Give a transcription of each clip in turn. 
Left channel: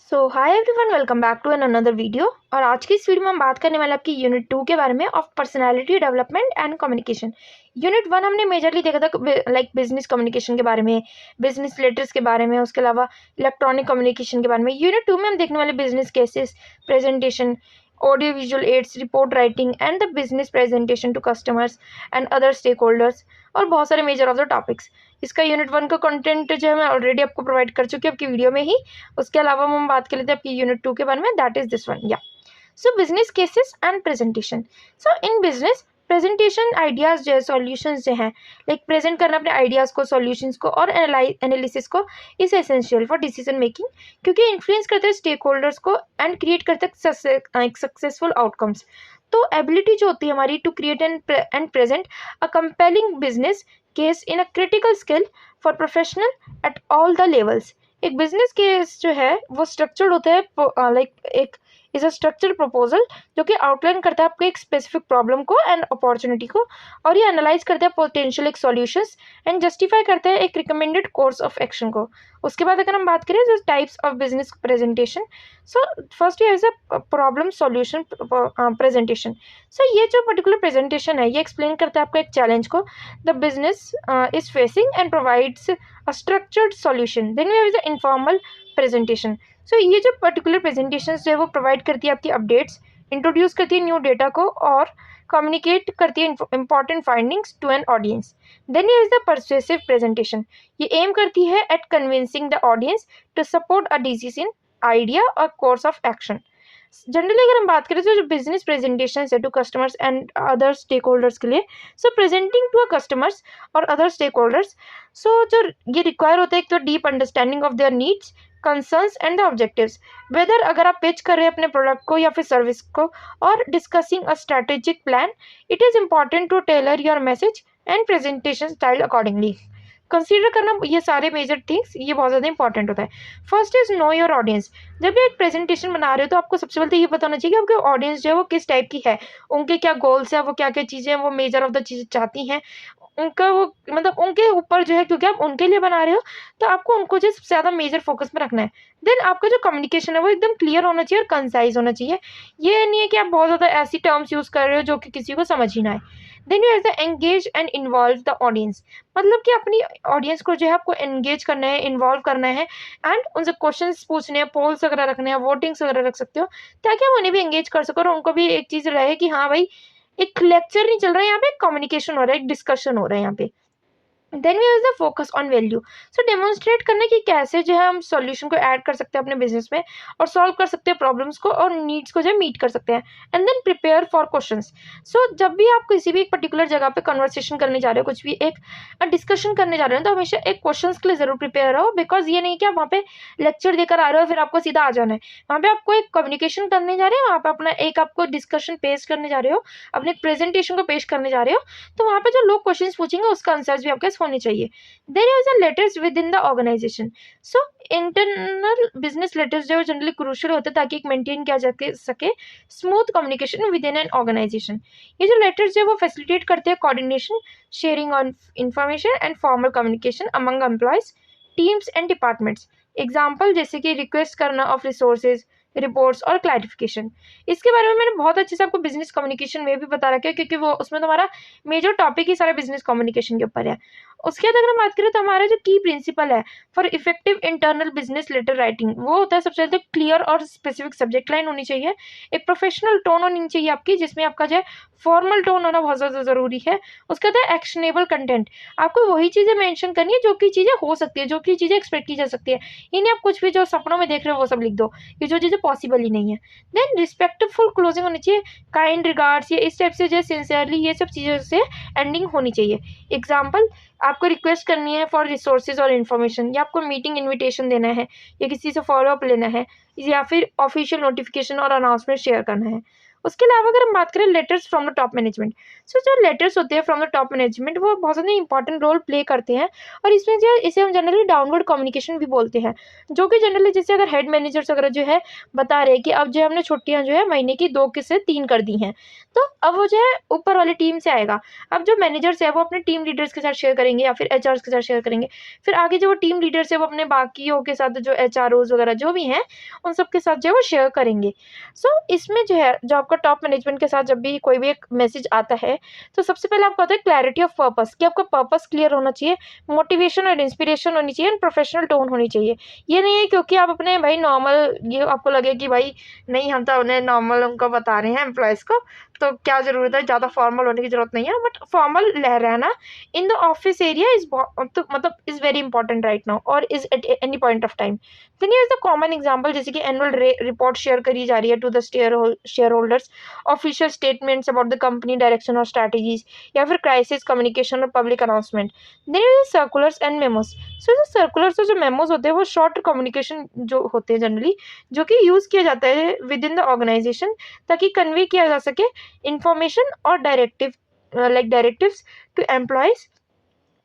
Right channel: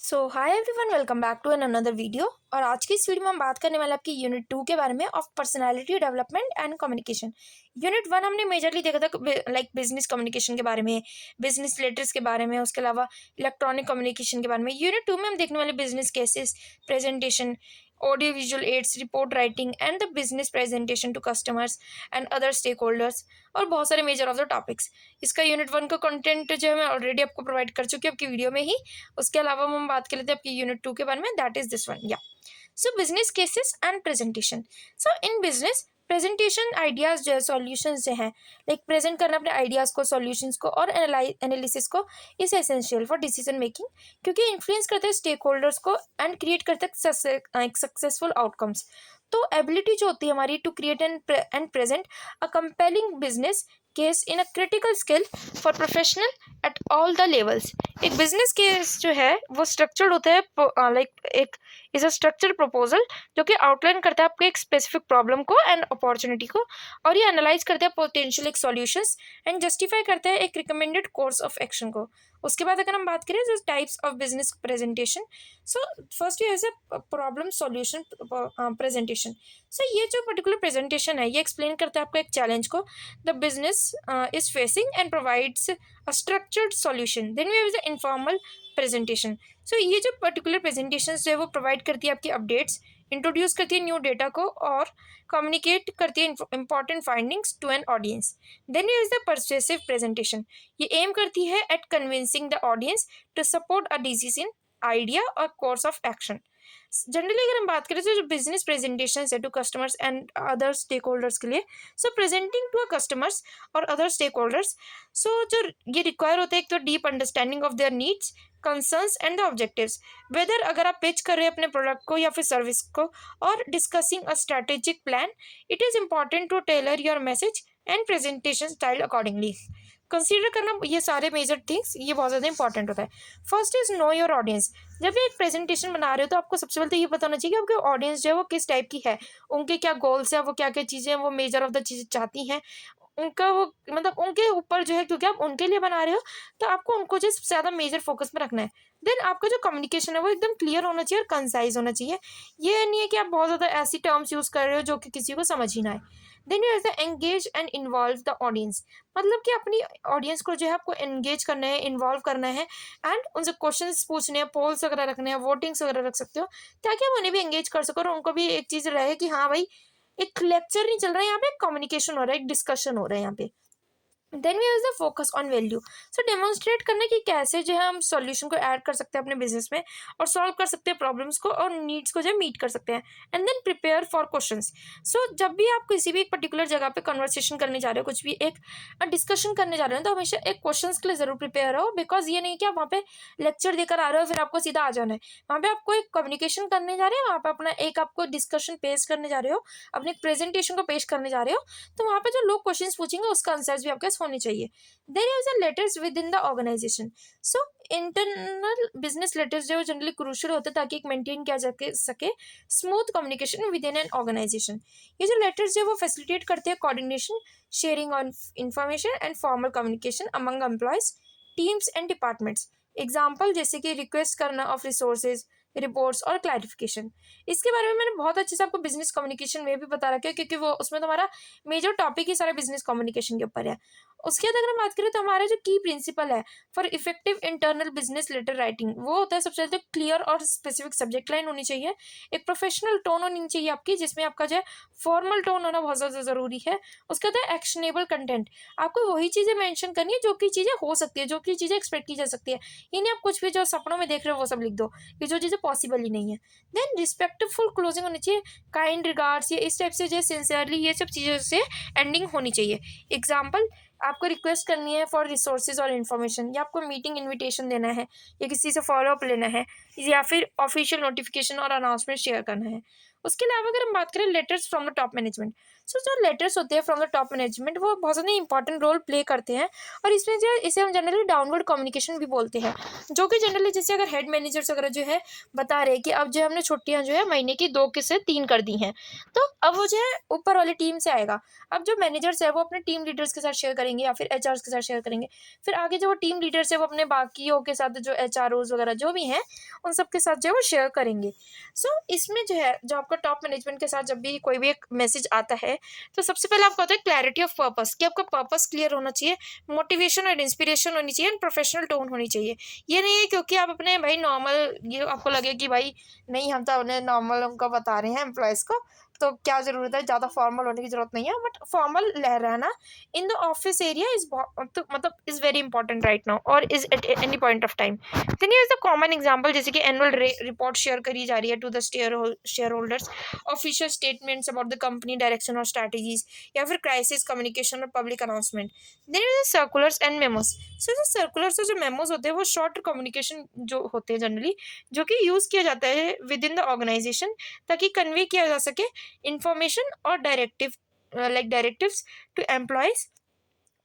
So hi everyone, welcome back to an another video. और आज की इस वीडियो में हम बात करने वाले आपकी यूनिट 2 के बारे में, of personality development and communication. Unit 1 हमने मेजरली देखा था लाइक बिजनेस कम्युनिकेशन के बारे में, बिजनेस लेटर्स के बारे में, उसके अलावा इलेक्ट्रॉनिक कम्युनिकेशन के बारे में। यूनिट 2 में हम देखने वाले business cases, presentation, audio visual aids, report writing and the business presentation to customers and other stakeholders, और बहुत सारे मेजर ऑफ द टॉपिक्स। इसका यूनिट 1 का कंटेंट जो है मैं ऑलरेडी आपको प्रोवाइड कर चुकी हूँ आपकी वीडियो में ही। उसके अलावा हम बात कर लेते हैं आपकी यूनिट 2 के बारे में, दैट इज दिस वन। या so business cases and presentation. So in business presentation ideas जो है, सॉल्यूशंस जो हैं, लाइक प्रेजेंट करना अपने आइडियाज़ को, सॉल्यूशंस को और एनालिसिस को is essential for decision making, क्योंकि इन्फ्लुएंस करते हैं स्टेक होल्डर्स को एंड क्रिएट करते हैं सक्सेसफुल आउटकम्स। तो एबिलिटी जो होती है हमारी to create and present a compelling business case in a critical skill for professional at all the levels. एक बिजनेस केस जो है वो स्ट्रक्चर्ड होता है, लाइक एक इज अ स्ट्रक्चर्ड प्रपोजल जो कि आउटलाइन करता है आपके एक स्पेसिफिक प्रॉब्लम को एंड अपॉर्चुनिटी को, और ये एनालाइज करते हैं पोटेंशियल एक सॉल्यूशंस एंड जस्टिफाई करते हैं एक रिकमेंडेड कोर्स ऑफ एक्शन को। उसके बाद अगर हम बात करें जो types of business presentation, so first is a problem solution presentation. So ये जो पर्टिकुलर प्रेजेंटेशन है ये एक्सप्लेन करता है आपका एक चैलेंज को the business is facing and provides a structured solution. Then we have the informal presentation. So ये जो particular presentations जो है वो provide करती है आपकी updates, introduce करती है new data को और communicate करती है important findings to an audience. Then here is the persuasive presentation. ये aim करती है at convincing the audience to support a decision, idea or course of action. Generally अगर हम बात करें तो जो बिजनेस प्रेजेंटेशन है to customers and other stakeholders के लिए, so presenting to a customers और अदर स्टेक होल्डर्स, सो जो ये रिक्वायर होता है एक तो deep understanding of their needs, concerns and the objectives. Whether अगर आप पिच कर रहे हैं अपने प्रोडक्ट को या फिर सर्विस को, और discussing a strategic plan, it is important to tailor your message and presentation style accordingly. Consider करना ये सारे मेजर थिंग्स, ये बहुत ज़्यादा इंपॉर्टेंट होता है। First is know your audience. जब भी एक प्रेजेंटेशन बना रहे हो तो आपको सबसे पहले तो ये पता होना चाहिए कि आपके ऑडियंस जो है वो किस टाइप की है, उनके क्या गोल्स है, वो क्या क्या चीज़ें वो मेजर ऑफ द चीज़ें चाहती हैं, उनका वो मतलब उनके ऊपर जो है, क्योंकि आप उनके लिए बना रहे हो तो आपको उनको जो सबसे ज़्यादा मेजर फोकस में रखना है। देन आपका जो कम्युनिकेशन है वो एकदम क्लियर होना चाहिए और कंसाइज होना चाहिए। ये नहीं है कि आप बहुत ज़्यादा ऐसी टर्म्स यूज़ कर रहे हो जो कि किसी को समझ ही ना आए। Then you have the engage and involve the audience. मतलब कि अपनी ऑडियंस को जो है आपको एंगेज करना है, इन्वॉल्व करना है एंड उनसे क्वेश्चंस पूछने हैं, पोल्स वगैरह रखने हैं, वोटिंग्स वगैरह रख सकते हो, ताकि आप उन्हें भी एंगेज कर सको और उनको भी एक चीज़ रहे कि हाँ भाई, एक लेक्चर नहीं चल रहा है यहाँ पे, कम्युनिकेशन हो रहा है, एक डिस्कशन हो रहा है यहाँ पे। Then we have the focus on value. So demonstrate करना कि कैसे जो है हम सॉल्यूशन को ऐड कर सकते हैं अपने बिजनेस में और सॉल्व कर सकते हैं प्रॉब्लम्स को और नीड्स को जो है मीट कर सकते हैं। And then prepare for questions. So जब भी आप किसी भी एक पर्टिकुलर जगह पे कन्वर्सेशन करने जा रहे हो, कुछ भी एक डिस्कशन करने जा रहे हो, तो हमेशा एक क्वेश्चन के लिए जरूर प्रिपेयर रहो। बिकॉज ये नहीं कि आप वहाँ पे लेक्चर देकर आ रहे हो फिर आपको सीधा आ जाना है। वहाँ पे आपको एक कम्युनिकेशन करने जा रहे हो, वहाँ पे अपना एक आपको डिस्कशन पेश करने जा रहे हो, अपने प्रेजेंटेशन को पेश करने जा रहे हो, तो वहाँ पे जो लोग क्वेश्चन पूछेंगे उसका आंसर्स भी आपके पास होने चाहिए। There is a letters within the organisation. So internal business letters जो जनरली क्रूशियल होते हैं ताकि एक मेंटेन किया जा सके smooth communication within an organisation. ये जो लेटर्स है वो फैसिलिटेट करते हैं coordination, sharing on information and formal communication among employees, teams and departments. Example जैसे कि रिक्वेस्ट करना ऑफ रिसोर्सेज, रिपोर्ट्स और क्लैरिफिकेशन। इसके बारे में मैंने बहुत अच्छे से आपको बिजनेस कम्युनिकेशन में भी बता रखा है, क्योंकि वो उसमें तुम्हारा मेजर टॉपिक ही सारा बिजनेस कम्युनिकेशन के ऊपर है। उसके बाद अगर हम बात करें तो हमारा जो की प्रिंसिपल है for effective internal business letter writing, वो होता है सबसे पहले तो क्लियर और स्पेसिफिक सब्जेक्ट लाइन होनी चाहिए, एक प्रोफेशनल टोन होनी चाहिए आपकी, जिसमें आपका जो है फॉर्मल टोन होना बहुत ज़्यादा ज़रूरी है। उसके बाद एक्शनेबल कंटेंट, आपको वही चीज़ें मेंशन करनी है जो कि चीज़ें हो सकती है, जो कि चीज़ें एक्सपेक्ट की जा सकती है। ये नहीं आप कुछ भी जो सपनों में देख रहे हो वो सब लिख दो, ये जो चीज़ें पॉसिबल ही नहीं है। देन रिस्पेक्टफुल क्लोजिंग होनी चाहिए, काइंड रिगार्ड्स, ये इस टाइप से जो सिंसियरली, ये सब चीज़ों से एंडिंग होनी चाहिए। एग्जाम्पल, आपको रिक्वेस्ट करनी है फॉर रिसोर्सेज और इन्फॉर्मेशन, या आपको मीटिंग इनविटेशन देना है, या किसी से फॉलोअप लेना है, या फिर ऑफिशियल नोटिफिकेशन और अनाउंसमेंट शेयर करना है। उसके अलावा अगर हम बात करें letters from the top management, so जो लेटर्स होते हैं फ्रॉम द टॉप मैनेजमेंट वो बहुत ज़्यादा इंपॉर्टेंट रोल प्ले करते हैं। और इसमें जो है इसे हम जनरली डाउनवर्ड कम्युनिकेशन भी बोलते हैं, जो कि जनरली जैसे अगर हेड मैनेजर्स वगैरह जो है बता रहे हैं कि अब जो है हमने छुट्टियां जो है महीने की 2 की से 3 कर दी हैं, तो अब वो जो है ऊपर वाली टीम से आएगा। अब जो मैनेजर्स है वो अपने टीम लीडर्स के साथ शेयर करेंगे या फिर एचआर्स के साथ शेयर करेंगे। फिर आगे जो वो टीम लीडर्स है वो अपने बाकियों के साथ जो एचआरओज वगैरह जो भी हैं उन सब के साथ जो है वो शेयर करेंगे। सो इसमें जो है जो आपका टॉप मैनेजमेंट के साथ जब भी कोई भी एक मैसेज आता है, तो सबसे पहले आपको होता है क्लैरिटी ऑफ पर्पस, कि आपका पर्पस क्लियर होना चाहिए, मोटिवेशन और इंस्पिरेशन होनी चाहिए एंड प्रोफेशनल टोन होनी चाहिए। ये नहीं है क्योंकि आप अपने भाई नॉर्मल, ये आपको लगे कि भाई नहीं हम तो उन्हें नॉर्मल उनको बता रहे हैं एम्प्लॉयज़ को, तो क्या ज़रूरत है, ज़्यादा फॉर्मल होने की ज़रूरत नहीं है। बट फॉर्मल रहना in the office area is मतलब is very important right now और is at any point of time. Then here is the common example, जैसे कि एनुअल रिपोर्ट शेयर करी जा रही है to the shareholders, official statements about the company direction और strategies, या फिर क्राइसिस कम्युनिकेशन और public announcement. Then is circulars and memos. So जो सर्कुलर्स और जो मेमोज होते हैं वो शॉर्ट कम्युनिकेशन जो होते हैं जनरली, जो कि यूज़ किया जाता है विद इन द ऑर्गेनाइजेशन, ताकि कन्वे किया जा सके इंफॉर्मेशन और डायरेक्टिव्स टू एम्प्लॉयज़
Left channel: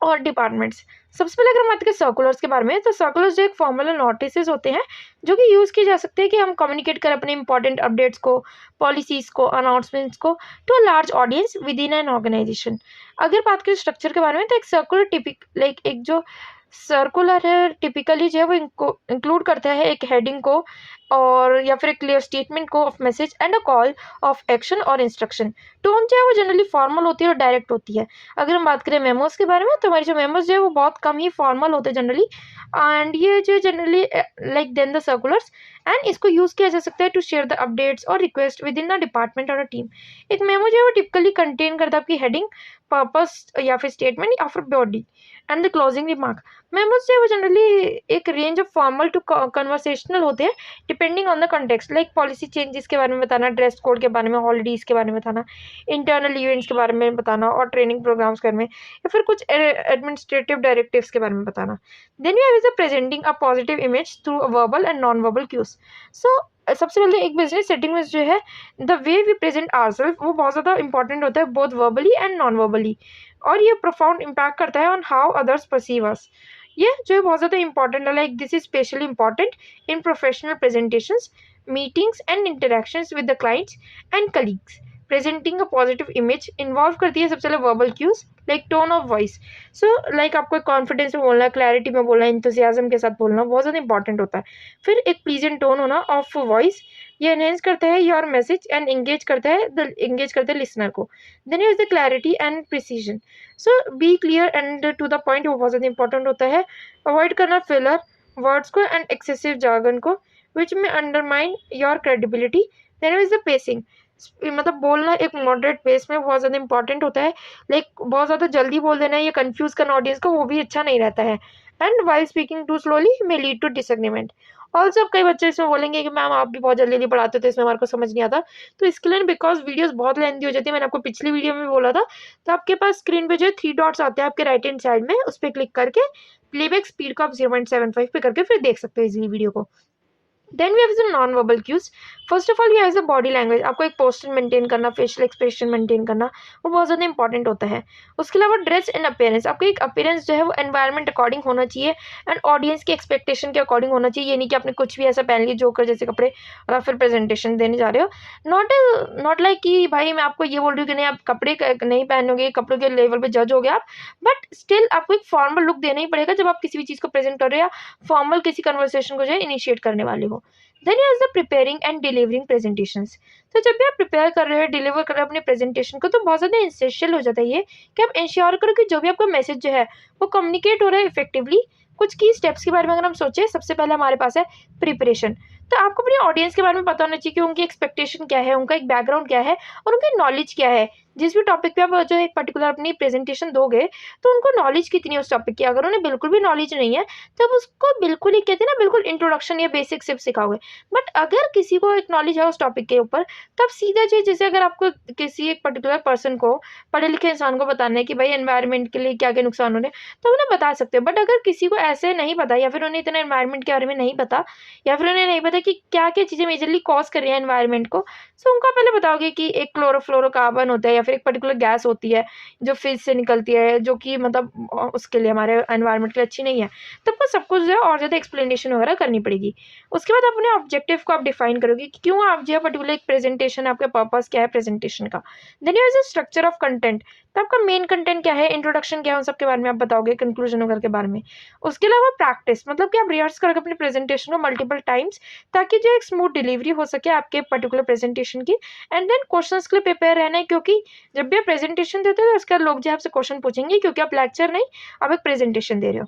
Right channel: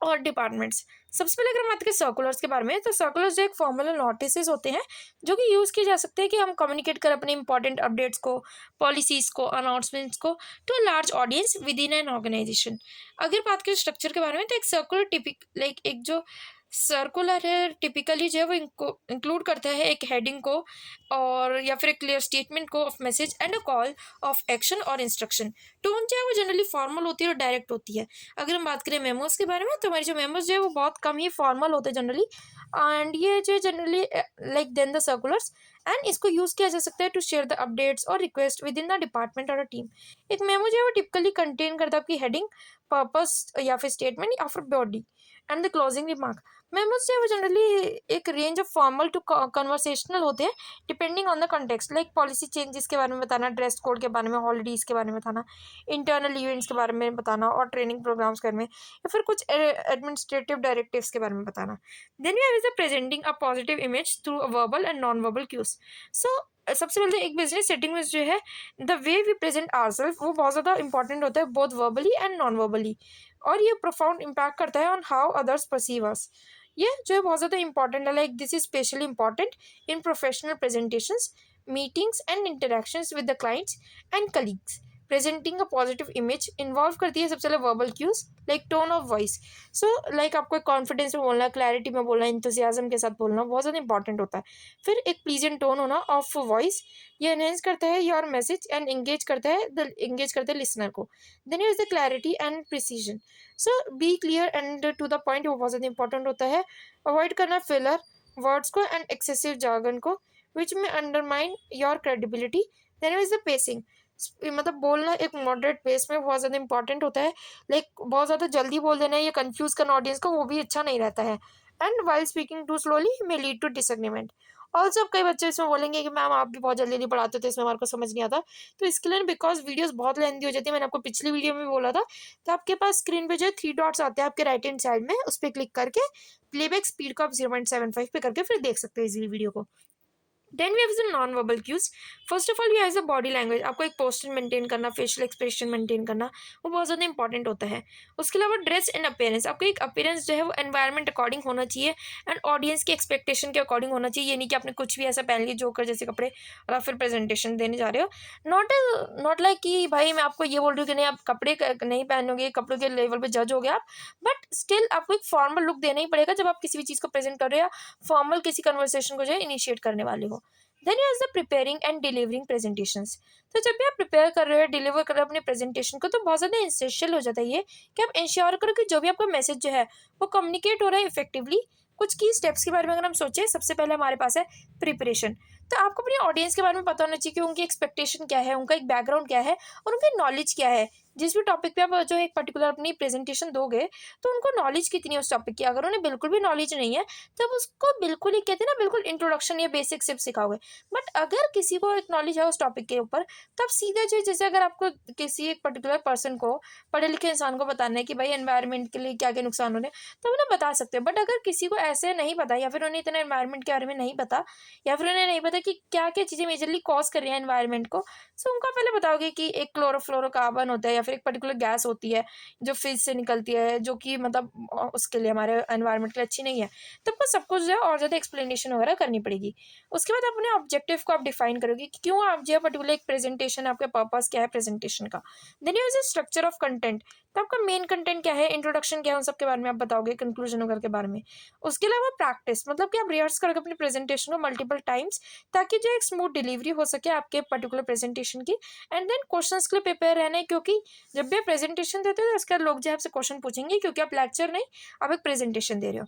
और डिपार्टमेंट्स। सबसे पहले अगर हम बात करें सर्कुलर्स के बारे में, तो सर्कुलर्स जो एक फॉर्मल नोटिस होते हैं जो कि यूज़ किए जा सकते हैं कि हम कम्युनिकेट करें अपने इंपॉर्टेंट अपडेट्स को, पॉलिसीज़ को, अनाउंसमेंट्स को to a large audience within an organisation. अगर बात करें स्ट्रक्चर के बारे में, तो एक सर्कुलर एक जो सर्कुलर है टिपिकली जो है वो इंक्लूड करता है एक हेडिंग को और या फिर एक क्लियर स्टेटमेंट को of message and a call of action और इंस्ट्रक्शन। टोन जो है वो जनरली फॉर्मल होती है और डायरेक्ट होती है। अगर हम बात करें मेमोज के बारे में, तो हमारी जो मेमोज जो है वो बहुत कम ही फॉर्मल होते हैं जनरली, एंड ये जो generally like then the circulars, and इसको यूज़ किया जा सकता है टू शेयर द अपडेट्स और request within the department और अ टीम। एक मेमो जो है वो टिपिकली कंटेन करता है आपकी हेडिंग, पर्पस या फिर स्टेटमेंट या फिर body and the closing remark. Memos जो है वो जनरली एक range of formal to conversational होते हैं depending on the context, like policy changes के बारे में बताना, ड्रेस कोड के बारे में, हॉलीडेज के बारे में बताना, इंटरनल इवेंट्स के बारे में बताना और ट्रेनिंग प्रोग्राम्स के बारे में, या फिर कुछ एडमिनिस्ट्रेटिव डायरेक्टिव्स के बारे में बताना। Then we have is presenting a positive image through verbal and non verbal cues. So सबसे पहले एक बिजनेस सेटिंग में जो है the way we present ourselves वो बहुत ज़्यादा इंपॉर्टेंट होता है, both verbally and non verbally, और ये प्रोफाउंड इम्पैक्ट करता है on how others perceive us. ये जो है बहुत ज़्यादा इंपॉर्टेंट है, like this is specially important in professional presentations, meetings and interactions with the clients and colleagues. Presenting a positive image involve करती है सबसे पहले verbal cues like tone of voice. So like आपको कॉन्फिडेंस में बोलना है, clarity में बोलना है, इंथुसियाज्म के साथ बोलना बहुत ज़्यादा इंपॉर्टेंट होता है। फिर एक प्लीजेंट टोन होना ऑफ वॉइस, ये एनहेंस करता है योर मैसेज एंड एंगेज करता है लिसनर को। Then is the clarity and precision. So be clear and to the point, वो बहुत ज़्यादा इंपॉर्टेंट होता है। अवॉइड करना फिलर वर्ड्स को एंड एक्सेसिव जार्गन को विच में undermine your credibility. Then is the pacing, मतलब बोलना एक मॉडरेट पेस में बहुत ज़्यादा इंपॉर्टेंट होता है, लाइक बहुत ज़्यादा जल्दी बोल देना या कंफ्यूज करना ऑडियंस को, वो भी अच्छा नहीं रहता है। And while speaking too slowly may lead to disagreement. Also कई बच्चे इसमें बोलेंगे कि मैम आप भी बहुत जल्दी जल्दी पढ़ाते थे, इसमें हमारे को समझ नहीं आता। तो इसके लिए बिकॉज वीडियोस बहुत लेंथी हो जाती है, मैंने आपको पिछली वीडियो में भी बोला था, तो आपके पास स्क्रीन पे जो है 3 डॉट्स आते हैं आपके राइट हैंड साइड में, उस पर क्लिक करके प्लेबैक स्पीड को आप 0.75 पे करके फिर देख सकते हो इजीली वीडियो को। Then we have the non verbal cues. First of all we have the body language, आपको एक पोस्चर मेंटेन करना, फेशियल एक्सप्रेशन मेंटेन करना, वो बहुत ज़्यादा इंपॉर्टेंट होता है। उसके अलावा ड्रेस एंड अपीयरेंस, आपको एक अपीयरेंस जो है वो एनवायरनमेंट अकॉर्डिंग होना चाहिए एंड ऑडियंस की एक्सपेक्टेशन के अकॉर्डिंग होना चाहिए। ये नहीं कि आपने कुछ भी ऐसा पहन लिया जोकर जैसे कपड़े और फिर प्रेजेंटेशन देने जा रहे हो। नॉट लाइक कि भाई मैं आपको ये बोल रही हूँ कि नहीं आप कपड़े नहीं पहनोगे, कपड़ों के लेवल पर जज हो गए आप, बट स्टिल आपको एक फॉर्मल लुक देना ही पड़ेगा जब आप किसी भी चीज़ को प्रेजेंट कर रहे हो या फॉर्मल किसी कन्वर्सेशन को जो है इनिशिएट करने वाले हो। Then is the preparing and delivering presentations. तो जब भी आप प्रिपेयर कर रहे हो, डिलीवर कर रहे हो अपने प्रेजेंटेशन को, तो बहुत ज़्यादा इंसेंशियल हो जाता है ये कि आप इंश्योर करो कि जो भी आपका मैसेज जो है वो कम्युनिकेट हो रहा है इफेक्टिवली। कुछ की स्टेप्स के बारे में अगर हम सोचें, सबसे पहले हमारे पास है प्रिपरेशन। तो आपको अपनी ऑडियंस के बारे में पता होना चाहिए कि उनकी एक्सपेक्टेशन क्या है, उनका एक बैकग्राउंड क्या है और उनकी नॉलेज क्या है। जिस भी टॉपिक पे आप जो एक पर्टिकुलर अपनी प्रेजेंटेशन दोगे, तो उनको नॉलेज कितनी है उस टॉपिक की। अगर उन्हें बिल्कुल भी नॉलेज नहीं है, तब उसको बिल्कुल ही कहते हैं ना, बिल्कुल इंट्रोडक्शन या बेसिक सिर्फ सिखाओगे। बट अगर किसी को एक नॉलेज है उस टॉपिक के ऊपर, तब सीधा जो जैसे अगर आपको किसी एक पर्टिकुलर पर्सन को, पढ़े लिखे इंसान को बताना है कि भाई एनवायरनमेंट के लिए क्या क्या नुकसान हो रहे हैं, तो उन्हें बता सकते हो। बट अगर किसी को ऐसे नहीं पता या फिर उन्हें इतना एनवायरनमेंट के बारे में नहीं पता, या फिर उन्हें नहीं पता है कि क्या क्या चीज़ें मेजरली कॉज कर रही हैं एनवायरनमेंट को। सो उनको आप पहले बताओगे कि एक क्लोरोफ्लोरोकार्बन होता है या फिर एक पर्टिकुलर गैस होती है जो फिश से निकलती है, जो कि मतलब उसके लिए हमारे एनवायरनमेंट के लिए अच्छी नहीं है। तो आपको सब कुछ जो है और ज़्यादा एक्सप्लेनेशन वगैरह करनी पड़ेगी। उसके बाद अपने ऑब्जेक्टिव को आप डिफाइन करोगे कि क्यों आप जो है पर्टिकुलर एक प्रेजेंटेशन, आपका पर्पस क्या है प्रेजेंटेशन का। Then use a structure of content, तो आपका मेन कंटेंट क्या है, इंट्रोडक्शन क्या है, उन सब के बारे में आप बताओगे, कंक्लूजन वगैरह के बारे में। उसके अलावा प्रैक्टिस, मतलब कि आप रिहर्स करोगे अपने प्रेजेंटेशन को मल्टीपल टाइम्स, ताकि जो एक स्मूथ डिलीवरी हो सके आपके पर्टिकुलर प्रेजेंटेशन की। एंड देन क्वेश्चंस के लिए प्रिपेयर रहना है, क्योंकि जब भी आप प्रेजेंटेशन देते हो तो उसके बाद लोग जो है आपसे क्वेश्चन पूछेंगे, क्योंकि आप लेक्चर नहीं, आप एक प्रेजेंटेशन दे रहे हो।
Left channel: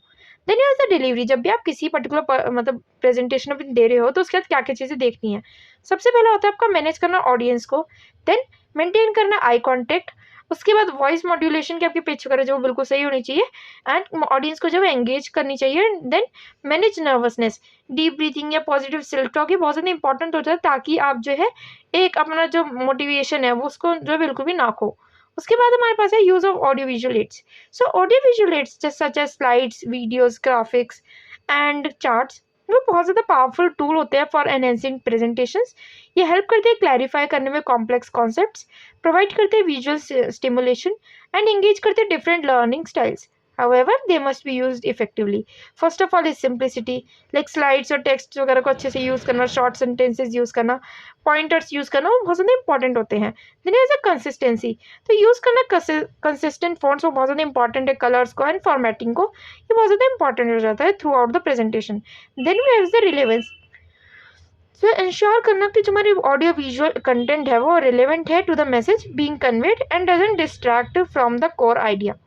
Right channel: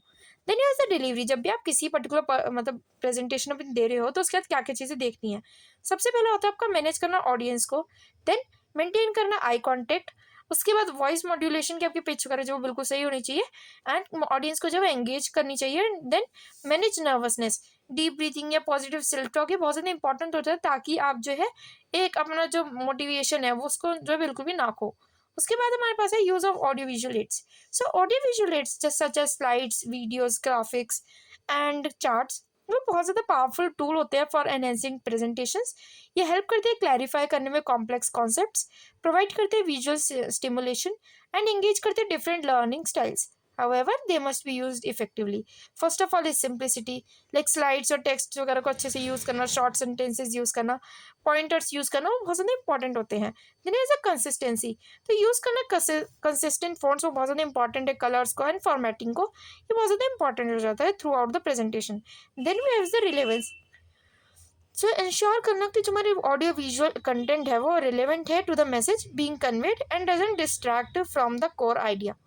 देन यूज द डिलीवरी, जब भी आप किसी पर्टिकुलर मतलब प्रेजेंटेशन अपनी दे रहे हो तो उसके बाद क्या क्या चीज़ें देखनी है। सबसे पहला होता है आपका मैनेज करना ऑडियंस को, देन मेंटेन करना आई कॉन्टेक्ट, उसके बाद वॉइस मॉड्यूलेशन की आपकी पिच वगैरह जो बिल्कुल सही होनी चाहिए, एंड ऑडियंस को जो है एंगेज करनी चाहिए। Then manage nervousness, deep breathing या पॉजिटिव सेल्फ टॉक, ये बहुत ज़्यादा इंपॉर्टेंट होता है, ताकि आप जो है एक अपना जो मोटिवेशन है वो उसको जो है बिल्कुल भी ना खो। उसके बाद हमारे पास है use of audio visual aids. So audio visual aids just such as slides, videos, graphics and charts, वो बहुत ज़्यादा पावरफुल टूल होते हैं फॉर एनहेंसिंग प्रेजेंटेशंस। ये हेल्प करते हैं क्लैरिफाई करने में कॉम्प्लेक्स कॉन्सेप्ट्स, प्रोवाइड करते हैं विजुअल स्टिमुलेशन एंड एंगेज करते हैं different learning styles. However, they must be used effectively. First of all is simplicity, like slides और text वगैरह को अच्छे से यूज़ करना, शॉर्ट सेंटेंसेस यूज़ करना, पॉइंटर्स यूज़ करना, वो बहुत ज़्यादा इंपॉर्टेंट होते हैं। देन इज अ कंसिस्टेंसी, तो यूज़ करना कंसिस्टेंट फॉन्ट्स, वो बहुत ज़्यादा इंपॉर्टेंट है, कलर्स को एंड फॉर्मेटिंग को, ये बहुत ज़्यादा इंपॉर्टेंट हो जाता है throughout the presentation. Then we have the relevance, so ensure करना कि जो हमारी ऑडियो विजुअल कंटेंट है वो रिलेवेंट है to the message being conveyed and doesn't distract from the core idea.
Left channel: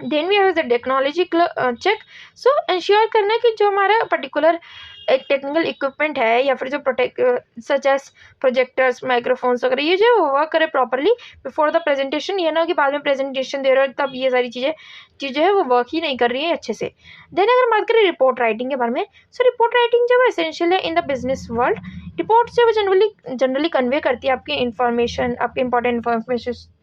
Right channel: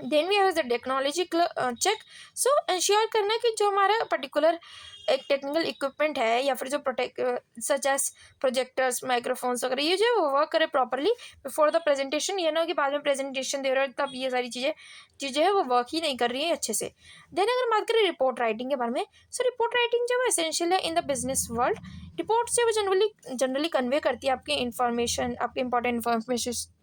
Then we have the technology check, so ensure करना कि जो हमारा पर्टिकुलर एक टेक्निकल इक्विपमेंट है या फिर जो protect such as projectors, microphones वगैरह, ये जो वर्क करे प्रॉपरली बिफोर द प्रेजेंटेशन। ये ना हो कि बाद में प्रेजेंटेशन दे रहे हो तब ये सारी चीज़ें चीज़ें है वो वर्क ही नहीं कर रही है अच्छे से। देन अगर बात करें रिपोर्ट राइटिंग के बारे में, सो रिपोर्ट राइटिंग जो है एसेंशियल है in the business world. Reports जो है जनरली कन्वे करती है आपकी इंफॉर्मेशन, आपके इंपॉर्टेंट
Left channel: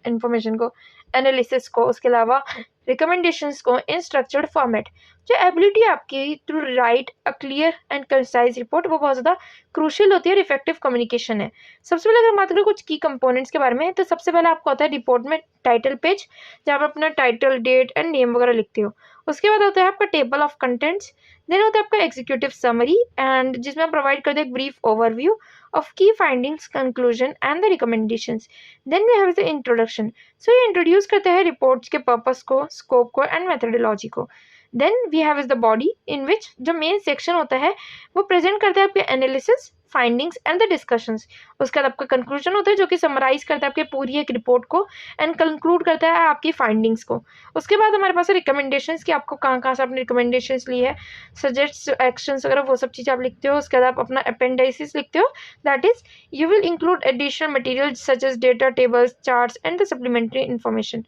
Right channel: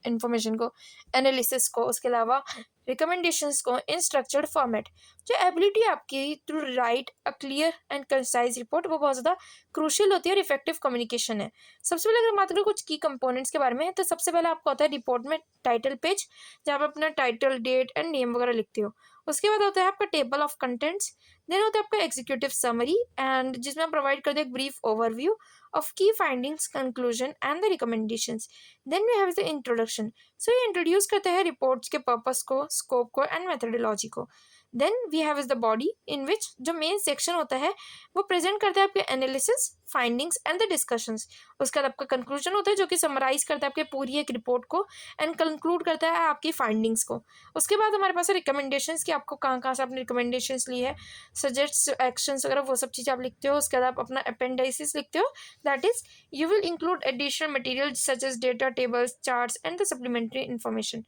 इंफॉर्मेशन को, एनालिसिस को, उसके अलावा रिकमेंडेशंस को इन स्ट्रक्चर्ड फॉर्मेट। जो एबिलिटी है आपकी to write a clear and concise report, वो बहुत ज़्यादा क्रूशियल होती है और इफेक्टिव कम्युनिकेशन है। सबसे पहले अगर बात करें कुछ की कंपोनेंट्स के बारे में, तो सबसे पहले आपको होता है रिपोर्ट में टाइटल पेज, जहाँ आप अपना टाइटल, डेट एंड नेम वगैरह लिखते हो। उसके बाद होता है आपका टेबल ऑफ कंटेंट्स। देन होता है आपका एग्जीक्यूटिव समरी, एंड जिसमें आप प्रोवाइड करते हैं एक brief overview of key findings, conclusion and the recommendations. Then we have the introduction, so ये इंट्रोड्यूस करते हैं रिपोर्ट्स के पर्पस को, स्कोप को एंड मेथडोलॉजी को। Then we have is the body, in which जो मेन सेक्शन होता है वो प्रेजेंट करता है आपके analysis, findings and the discussions. उसके बाद आपका कंक्लूजन होता है जो कि समराइज करता है आपके पूरी एक रिपोर्ट को एंड कंक्लूड करता है आपकी फाइंडिंग्स को। उसके बाद हमारे पास है रिकमेंडेशंस, कि आपको कहाँ कहाँ से आपने रिकमेंडेशंस ली है, सजेस्ट एक्शंस वगैरह, वो सब चीज़ें आप लिखते हो। उसके बाद आप अपना अपेंडाइसिस लिखते हो, that is you will include additional material such as data, tables, charts and the supplementary information.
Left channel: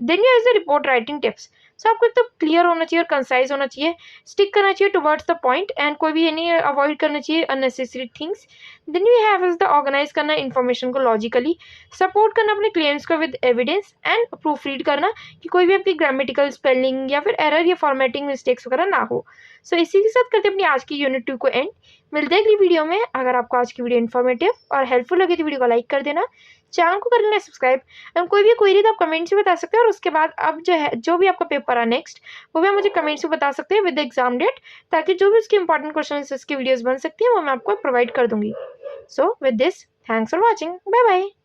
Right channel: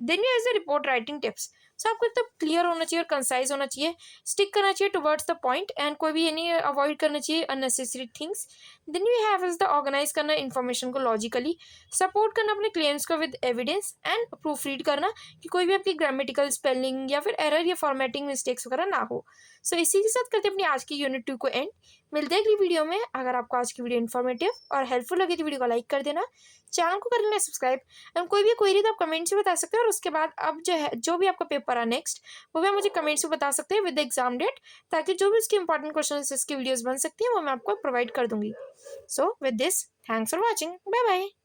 Then you as the report writing tips, so आपको एक तो क्लियर होना चाहिए और कंसाइज होना चाहिए, स्टिक करना चाहिए टुवर्ड्स द पॉइंट, एंड कोई भी ये नहीं अवॉइड करना चाहिए unnecessary things. Then we have is the organise करना इन्फॉर्मेशन को लॉजिकली, सपोर्ट करना अपने क्लेम्स को with evidence, and proofread करना कि कोई भी आपकी ग्रामेटिकल, स्पेलिंग या फिर एरर या फॉर्मेटिंग मिस्टेक्स वगैरह ना हो। सो इसी के साथ करते हैं अपनी आज की यूनिट 2 को एंड। मिलते हैं अगली वीडियो में। अगर आपको आज की वीडियो इन्फॉर्मेटिव और हेल्पफुल लगे तो वीडियो को लाइक कर देना, चैनल को कर लेना सब्सक्राइब, एंड कोई भी क्वेरी तो आप कमेंट से बता सकते हैं। और उसके बाद अब जो है जो भी आपका पेपर आ नेक्स्ट, वो भी आप मुझे कमेंट्स में बता सकते हैं विद एग्जाम डेट, ताकि जो भी उसके इंपॉर्टेंट क्वेश्चन इसकी वीडियोस बन सकती हैं वो मैं आपको प्रोवाइड कर दूंगी। So with this, thanks for watching, bye bye.